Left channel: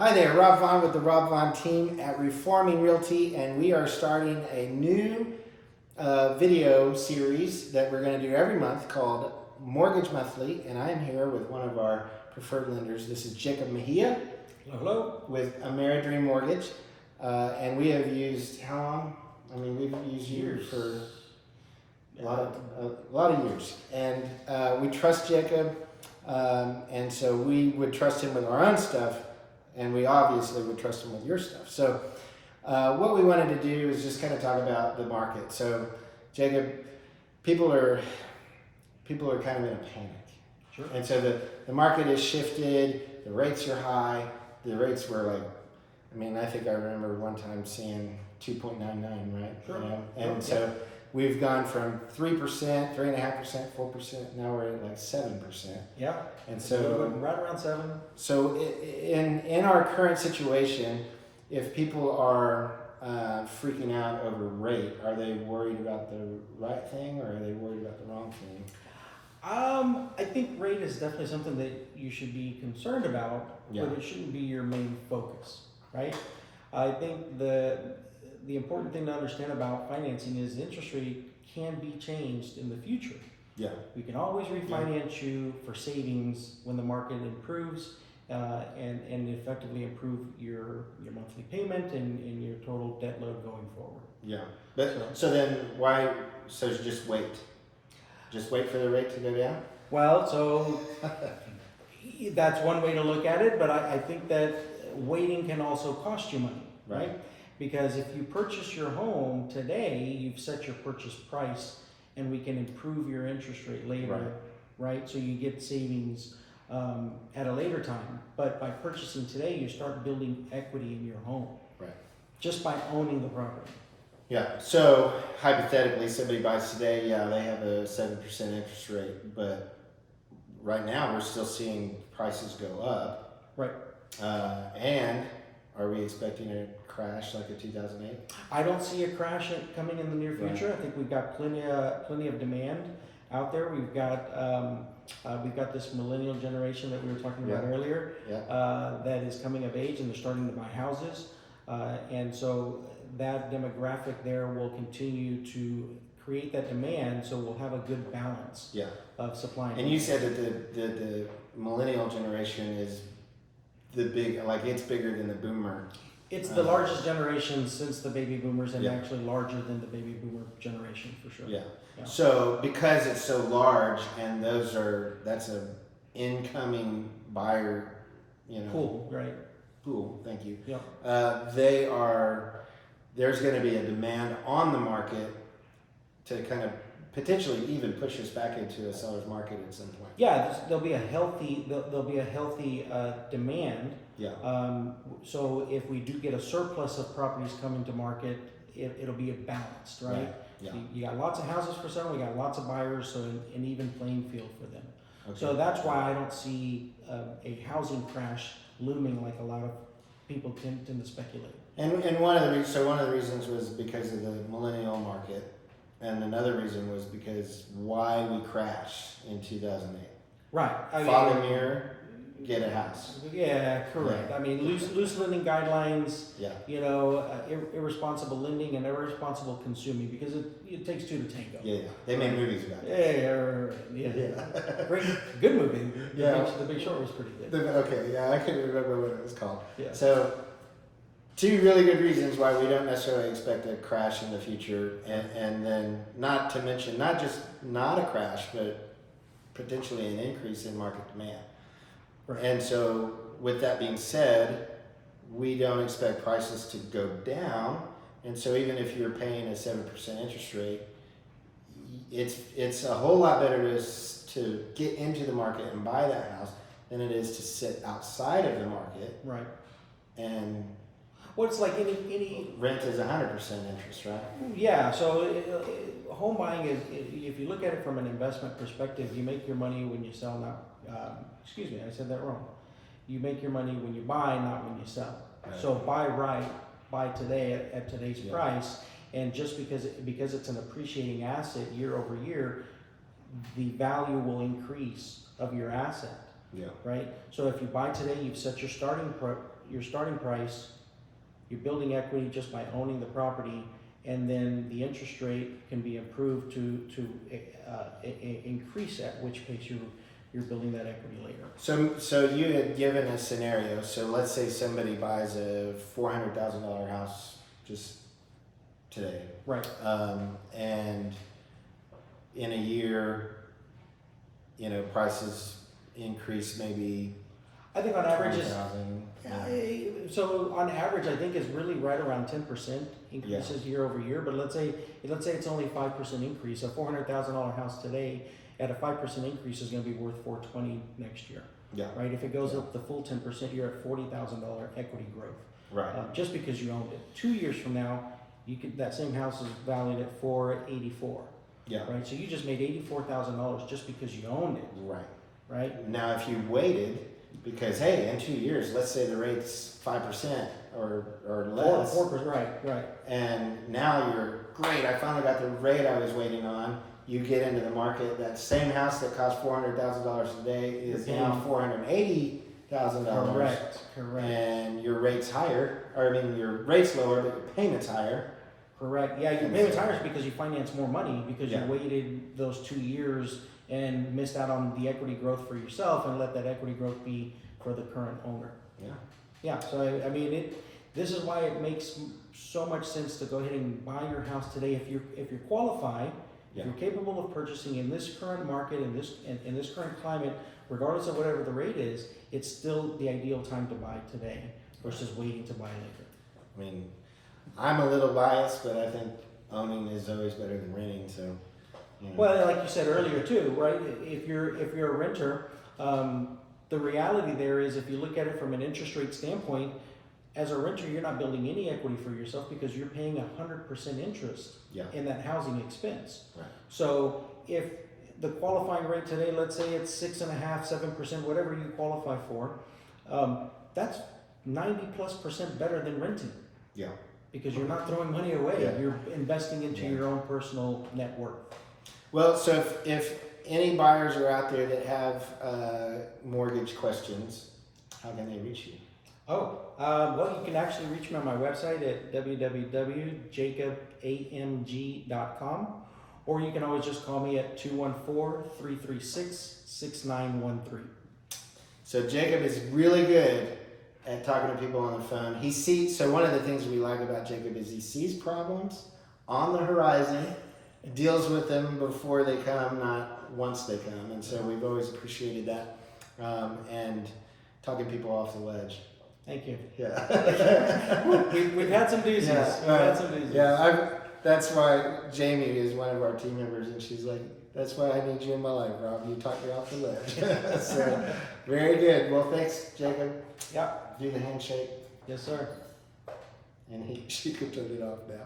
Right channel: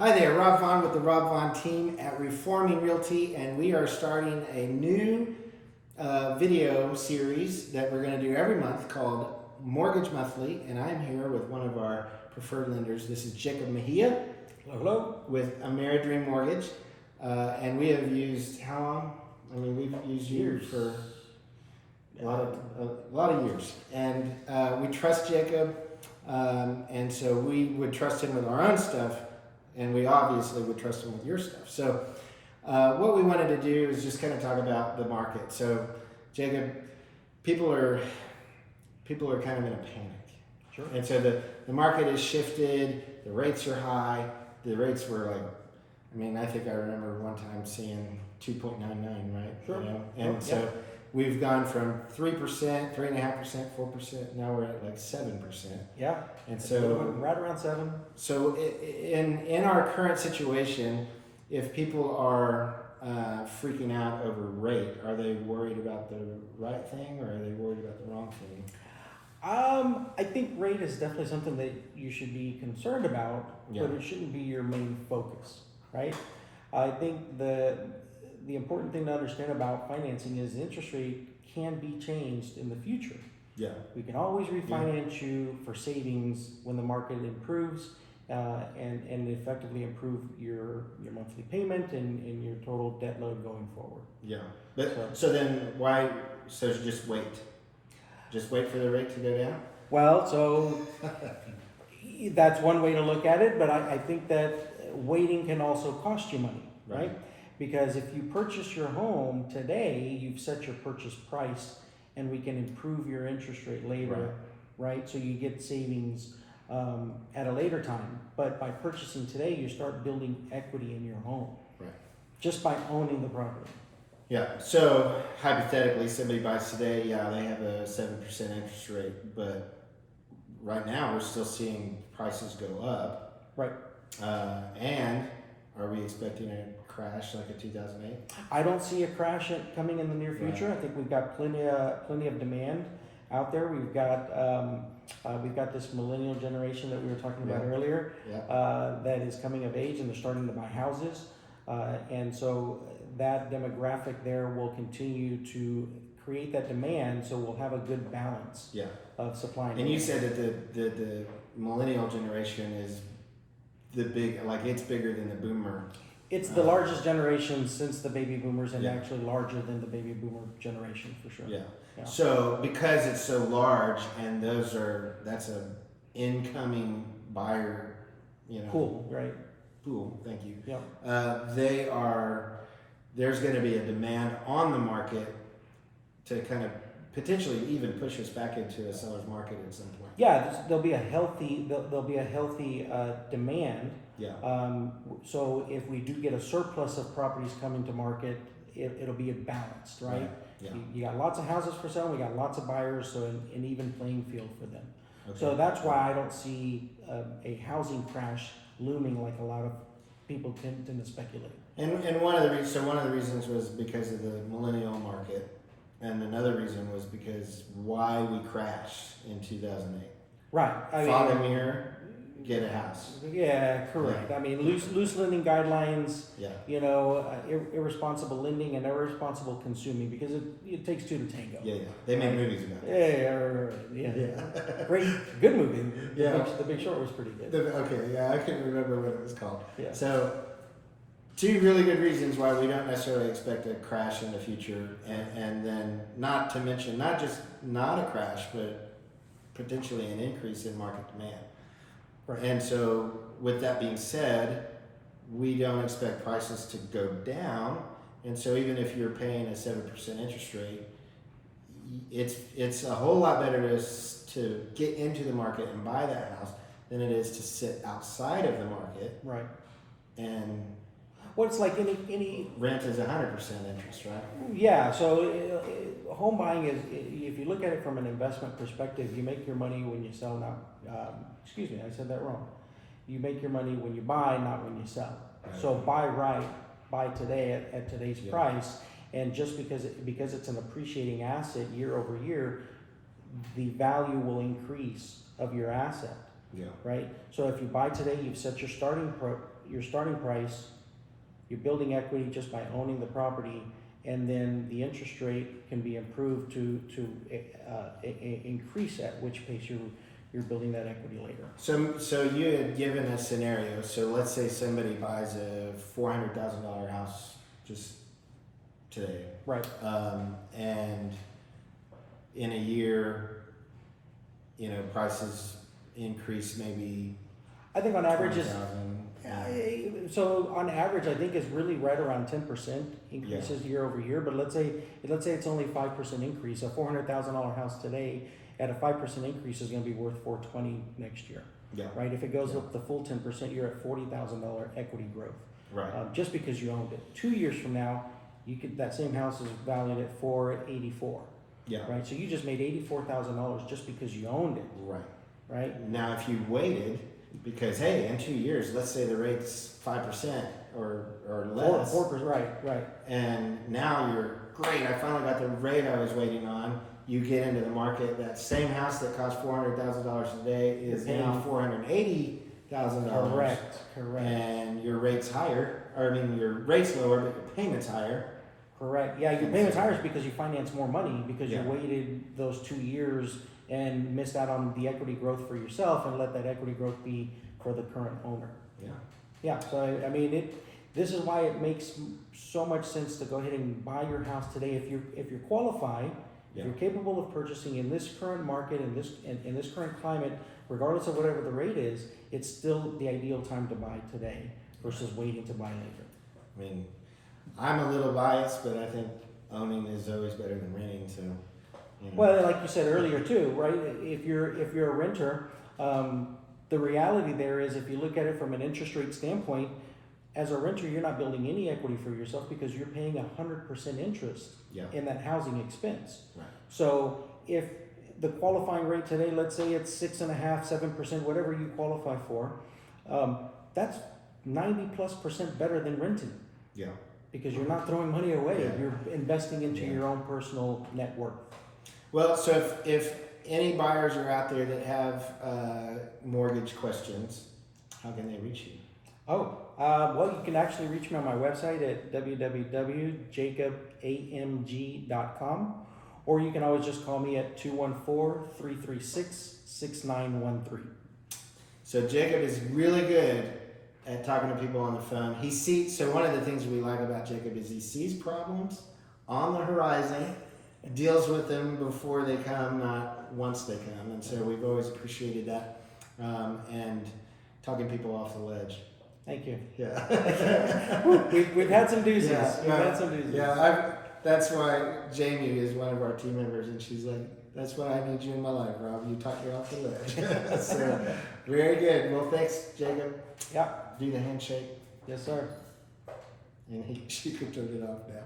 Hi there, Rob Vaughan with the Rob Vaughan team at Reforming Realty, and we are starting a new video series that we're going to do every month called Mortgage Monthly, and I'm here with one of our preferred lenders. This is Jacob Mejia. Hello. With Ameridream Mortgage, and we have used how long? I mean, we've used you for a lot of years, and we trust Jacob, and so we would trust him with our own stuff. And we obviously would trust them with your stuff. So what we wanted to do is just kind of talk about the market. So Jacob, people are kind of in a panic. Sure. And so the market has shifted, the rates are high. The rates were like, I mean, I think I remember one time seeing 2.99, right? Sure. You know? And sure. so we've gone from 3%, 3.5%, 4%. Now we're at like 7%. Yeah. And so right around 7. So in our current situation, if people are freaking out over rate, are they worried about the right thing or are they worried about the wrong thing? I think rate is definitely something that you should be concerned about, Yeah. but it shouldn't be your main focus, right? I think the important thing to understand about financing is interest rate can be changed in the future. Yeah. We can always refinance you for savings when the market improves and effectively improve your monthly payment and your total debt load going forward. Yeah. But so then why? So just wait. Just wait for the rate to go down. Well, so that's one way to look at it, but I think that waiting can also cost you money, right? Because if you purchase your home today, you've set your purchase price, and we can improve your interest rate later, right? So you get savings at a later time. But by purchasing today, you start building equity in your home, right? Just by owning the property. Yeah. So hypothetically, somebody buys today. Yeah, they have a 7% interest rate, but right now we're still seeing prices go up. Right. And are we expecting a crash like a 2008? I don't see a crash coming in the near future. Right. I think we've got plenty of demand out there. We've got this millennial generation that we were talking about earlier that is coming of age and they're starting to buy houses, and so that demographic there will continue to create that demand. So we'll have a good balance of supply and demand. You said that the millennial generation is it's bigger than the boomer. It's the largest generation since the baby boomers, and actually larger than the baby boomer generation for sure. Yeah. So because it's so large, and that's a incoming buyer, pool, right? Pool. Thank you. Yep. There's going to be a demand on the market to kind of potentially even push us back into a seller's market at some point. Yeah, there'll be a healthy demand. Yeah. So if we do get a surplus of properties coming to market, it'll be balanced, right? Yeah. You got lots of houses for sale. We got lots of buyers, so an even playing field for them. Okay. So that's why I don't see a housing crash looming like a lot of people tend to speculate. And one of the reasons was because of the millennial market. And another reason was because why we crashed in 2008. Right. Fog and mirror, get a house. Yeah, correct. Yeah. I mean, loose lending guidelines, irresponsible lending and irresponsible consuming, because it takes two to tango. Yeah. They made movies about it. Yeah. Great, good movie. The Big Short was pretty good. I couldn't remember what it was called. Yeah. So, two really good reasons why we don't necessarily expect a crash in the future, and then not to mention not just not a crash, but potentially an increase in market demand. Right. And so with that being said, we don't expect prices to go down, and so even if you're paying a 7% interest rate, it's a whole lot better to get into the market and buy that house than it is to sit outside of the market. Right. And well, it's like any rent is 100% interest, right? Yeah. So home buying is, if you look at it from an investment perspective, you make your money when you sell. Not, excuse me, I said that wrong. You make your money when you buy, not when you sell. Right. So buy today at today's price, and just because it's an appreciating asset year over year, the value will increase of your asset. Yeah. Right. So if you buy today, you've set your starting your starting price, you're building equity just by owning the property, and then the interest rate can be improved to increase at which pace you're building that equity later. So you had given a scenario. So let's say somebody buys a $400,000 house just today, Right. and in a year, prices increase maybe. I think on average is 20,000. so on average I think is really right around 10% increases year over year. But let's say it's only 5% increase. A $400,000 house today at a 5% increase is going to be worth $420 next year. Yeah. Right. If it goes up the full 10%, you're at $40,000 equity growth. Right. Just because you owned it. 2 years from now, that same house is valued at $484. Yeah. Right. So you just made $84,000 just because you owned it. Right. Right. Now, if you waited, because hey, in 2 years, let's say the rate's 5% or less, 4%. Right. and now you're great. I finally got the rate I was waiting on. You get into the market. That same house that cost $400,000 today is now $480,000. Correct. And your rate's higher. Your rate's lower, but your payment's higher. Correct. Yeah, your payment's higher is because you finance more money because Yeah. you waited those 2 years and missed out on the equity growth for yourself and let that equity growth be for the current owner. Yeah. Yeah. So this is why it makes so much sense to go ahead and buy your house today if you're qualified. Yeah. If you're capable of purchasing in this current market, in this current climate, regardless of whatever the rate is, it's still the ideal time to buy today versus waiting to buy later. I'm a little biased, but I think owning is always better than renting. So, Well, like you said earlier too, right? If you're a renter, the reality there is if you look at it from an interest rate standpoint, as a renter, you're not building any equity for yourself because you're paying 100% interest in that housing expense. Right. So if the qualifying rate today, let's say it's 6.5%, 7%, whatever you qualify for, that's 90+% better than renting. Yeah. Because you're not throwing money away. Yeah. You're investing into your own personal net worth. Well, so if any buyers are out there that have mortgage questions, how can they reach you? Well, you can actually reach me on my website at www.jacobamg.com, or you can always just call me at 214-336-6913. So Jacob is really good at talking to people on the phone. So one of the things we like about Jacob is he sees problems on the horizon, deals with them before they come, not once they come. And so we've always appreciated that, and talking people off the ledge. Thank you. Yeah. We've had some doozies. Yeah, that's why Jamie is one of our team members, and she's like, that's why I need you in my life, Rob. You talk me off the ledge. So, very good. Well, thanks, Jacob. Yep. Do the handshake. Yes, sir. And she could turn it off now.